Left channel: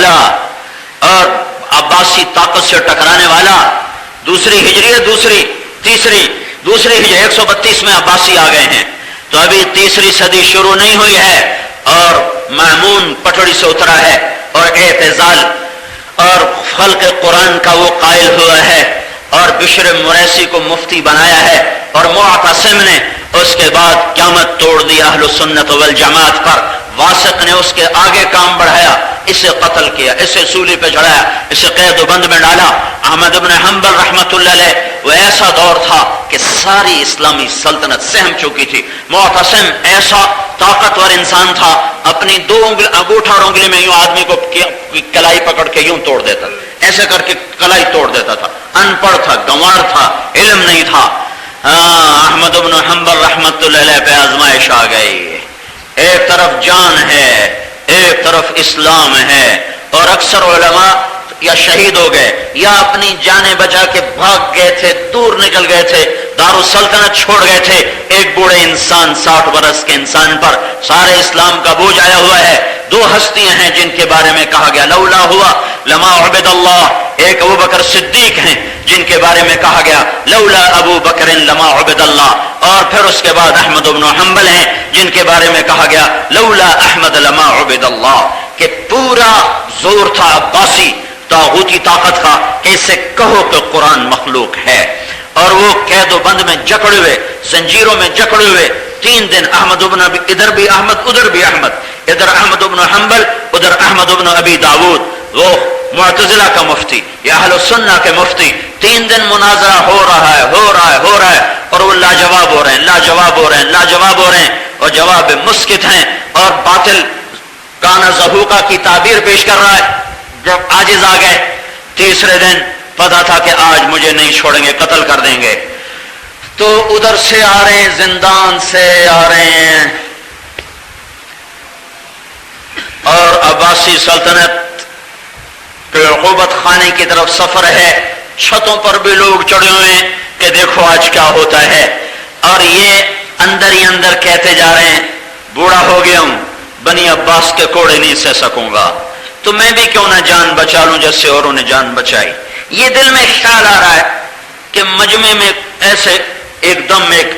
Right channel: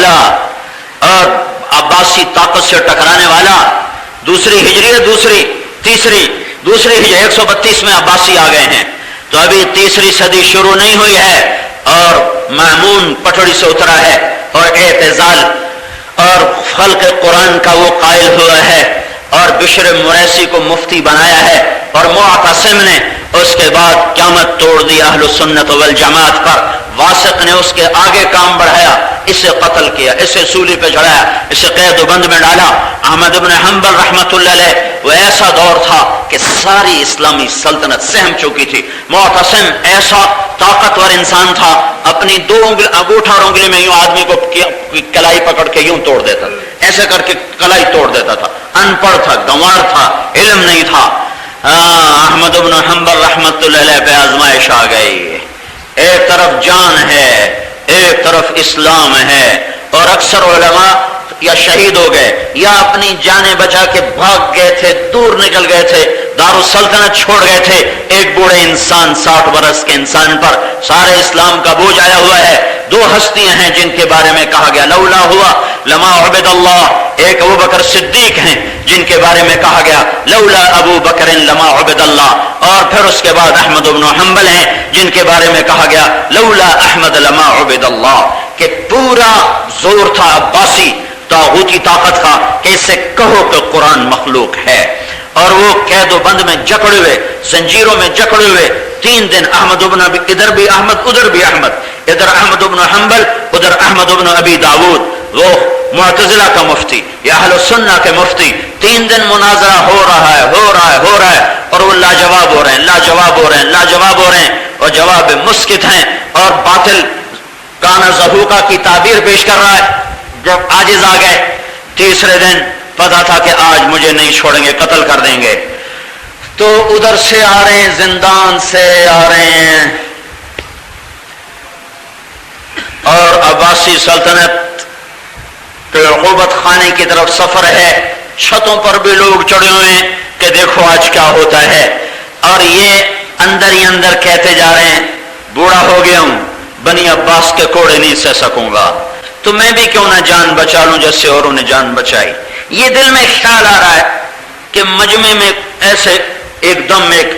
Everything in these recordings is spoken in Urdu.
والا اور عباسی طاقت سے ٹکرانے والا. دوسری ہجری تیسری ہجری 132 میں عباسی آ گئے ہیں. تو ابھی تیسری صدی شروع نہیں ہوئی ہے اور مامون پٹڑی سے اترا ہے اور اعتزال اور خلق قرآن کا وہ قائل ہوا ہے اور بشر مریسی کو مفتی بنایا ہے اور معتصم نے اس کے بعد قیامت توڑ دی اہل سنت والجماعت پر. واسق نے اس کے آگے کام بڑھایا، اسے قتل کیا، اسے سولی پہ چڑھایا، اسے قید و بند میں ڈالا. احمد بن حنبل رحمت اللہ علیہ وہ ایسا دور تھا کہ ساری اسلامی سلطنت سہم چکی تھی. معتصم ایسا طاقتور انسان تھا، اپنی 2 انگوٹھا اور انگلی میں یوں آدمی کو کلائی پکڑ کے یوں توڑ دیتا، ایسے کر کے کلائی توڑ دیتا تھا. ان پڑھ تھا، گنوار تھا، علم نہیں تھا. احمد بن حنبل رحمت اللہ علیہ پہ آزمائش آ گئی. ایک طرف جان ہے، ایک طرف اسلام ہے، اور اکثر علماء یا شہید ہو گئے یا اپنی جانیں بچا کے بھاگ گئے تھے، دور نکل گئے تھے، دارالسلطنت چھوڑ گئے تھے. ایک بوڑھے انسان 60 برس کے انسان پر سارے اسلام کا بوجھ آیا ہوا ہے. 2 ہستیاں ہیں جن کے بارے میں کہا گیا لولا ہوا لما عبد اللہ. ایک ابو بکر صدیق ہیں جن کے بارے میں کہا گیا لولا ابو بکر لما عبد اللہ. اور پھر اس کے بعد احمد بن حنبل ہیں جن کے بارے میں کہا گیا لولا احمد لما عبد اللہ. کہ پورا زور تھا عباسی طاغوتی طاقت کا کہ اسے کہو کہ قرآن مخلوق ہے. اور وہ قید و بند میں جکڑے ہوئے، زنجیروں میں جکڑے ہوئے 3 دن احمد بن ادھر بھی احمد ادھر بھی احمد، ادھر احمد بن حنبل ادھر احمد بن ابی داود، وہ معتزلہ کا مفتی یا اہل السنہ کے مفتی. 3 دن مناظرہ ہو رہا ہے اور وہ لاجواب ہو رہے ہیں اور جواب مسکت ہیں اور باطل کانا زہوقہ کی تعبیر پیش کر رہا ہے. جب عاجز آ گئے تیسرے دن پتا تھا کہ آج مجھے نہیں چھوڑیں گے، قتل کر دیں گے. تو ادھر سے آ رہے ہیں، زندان سے آ رہے ہیں اور عباسی سلطنت کے عقوبت خانے کی طرف سفر ہے. چھتوں پر بھی لوگ چڑھے ہوئے ہیں کہ دیکھو آج کیا ہوتا ہے. اور یہ اندر ہی اندر کہتے جا رہے ہیں بوڑھا ہو گیا ہوں، بنی عباس کے کوڑے نہیں سہ سکوں گا، تو میں بھی کیوں نہ جان بچا لوں جیسے اوروں نے جان بچائی. یہ دل میں خیال آ رہا ہے کہ مجمع میں ایسے ایک دم ایک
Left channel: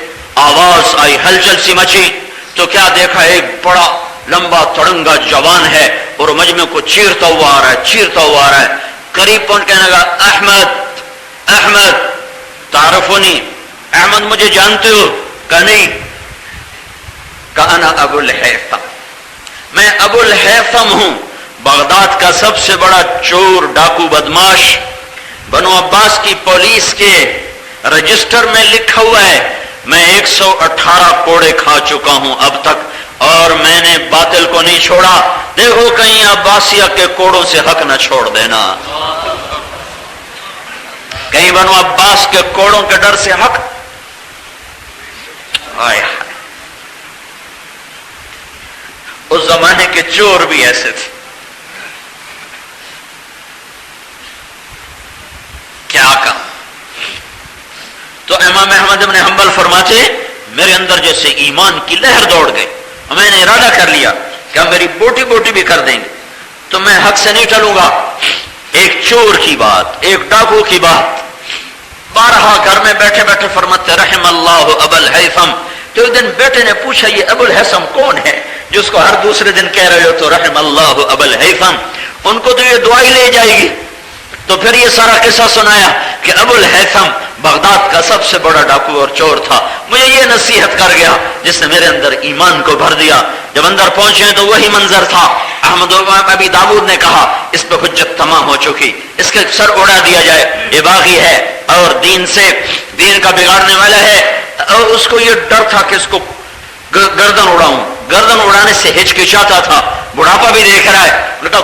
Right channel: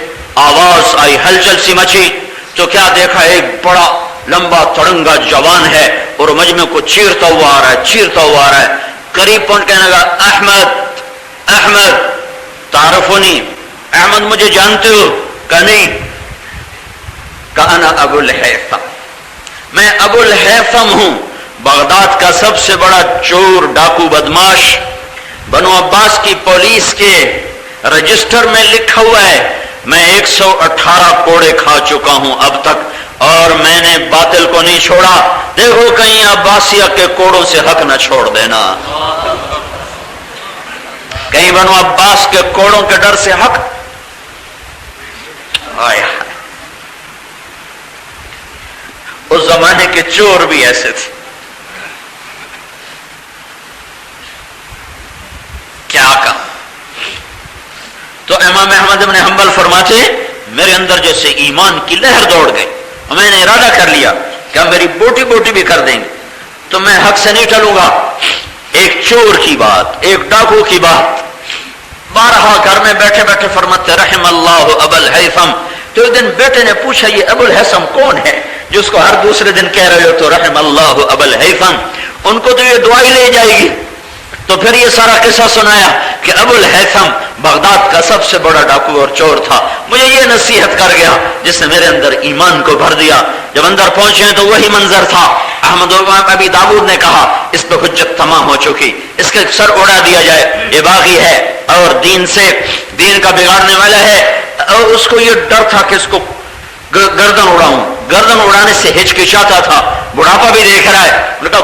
آواز آئی، ہلچل سی مچی. تو کیا دیکھا ایک بڑا لمبا تڑنگا جوان ہے اور مجمع کو چیرتا ہوا آ رہا ہے. قریب پہنچ کہنے لگا احمد تعارفونی، احمد مجھے جانتے ہو؟ کہا نہیں. کہا انا ابو الہیثم، میں ابو الہیثم ہوں، بغداد کا سب سے بڑا چور ڈاکو بدماش. بنو عباس کی پولیس کے رجسٹر میں لکھا ہوا ہے میں 118 کوڑے کھا چکا ہوں اب تک اور میں نے باطل کو نہیں چھوڑا. دیکھو کہیں عباسیہ کے کوڑوں سے حق نہ چھوڑ دینا، کہیں بنو عباس کے کوڑوں کے ڈر سے حق. اس زمانے کے چور بھی ایسے تھے. کیا کہا؟ تو امام احمد بن حنبل فرماتے میرے اندر جیسے ایمان کی لہر دوڑ گئی، میں نے ارادہ کر لیا کہ ہم میری بوٹی بھی کر دیں گے تو میں حق سے نہیں ٹلوں گا. ایک چور کی بات، ایک ڈاکو کی بات. بارہا گھر میں بیٹھے فرماتے رحم اللہ ابو الہیثم. تو ایک دن بیٹے نے پوچھا یہ ابو الہیثم کون ہے جس کو ہر دوسرے دن کہہ رہے ہو تو رحم اللہ ابو الہیثم؟ ان کو تو یہ دعائی لے جائے گی. تو پھر یہ سارا قصہ سنایا کہ ابو الہیثم بغداد کا سب سے بڑا ڈاکو اور چور تھا، مجھے یہ نصیحت کر گیا جس نے میرے اندر ایمان کو بھر دیا. جب اندر پہنچے تو وہی منظر تھا. احمد ابی داود نے کہا اس پہ حجت تمام ہو چکی، اس کے سر اڑا دیا جائے، یہ باغی ہے اور دین کا بگاڑنے والا ہے. اور اس کو یہ ڈر تھا کہ اس کو گردن اڑاؤں، گردن اڑانے سے ہچکچاتا تھا. بڑھاپا بھی دیکھ رہا ہے. نے کہا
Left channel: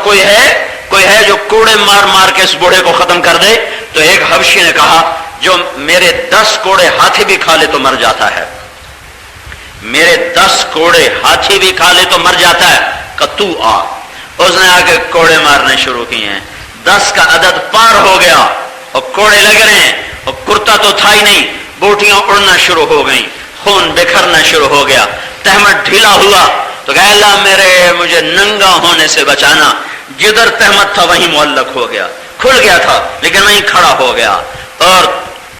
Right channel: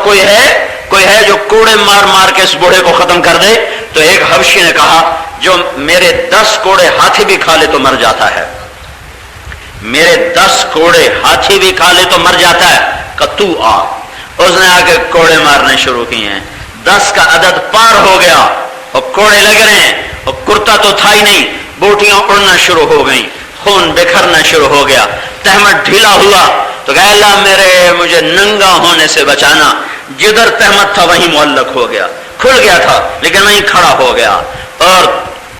کوئی ہے جو کوڑے مار کے اس بوڑھے کو ختم کر دے. تو ایک حبشی نے کہا جو میرے 10 کوڑے ہاتھی بھی کھا لے تو مر جاتا ہے، میرے 10 کوڑے ہاتھی بھی کھا لے تو مر جاتا ہے. کہ تو آ. اس نے آ کے کوڑے مارنے شروع کیے ہیں. 10 کا عدد پار ہو گیا اور کوڑے لگ رہے ہیں اور کرتا تو تھا ہی نہیں، بوٹیاں اڑنا شروع ہو گئیں، خون بکھرنا شروع ہو گیا. تہمت ڈھیلا ہوا تو کہ اللہ مجھے ننگا ہونے سے بچانا. جدھر تہمت تھا وہیں معلق ہو گیا، کھل گیا تھا لیکن وہیں کھڑا ہو گیا، اور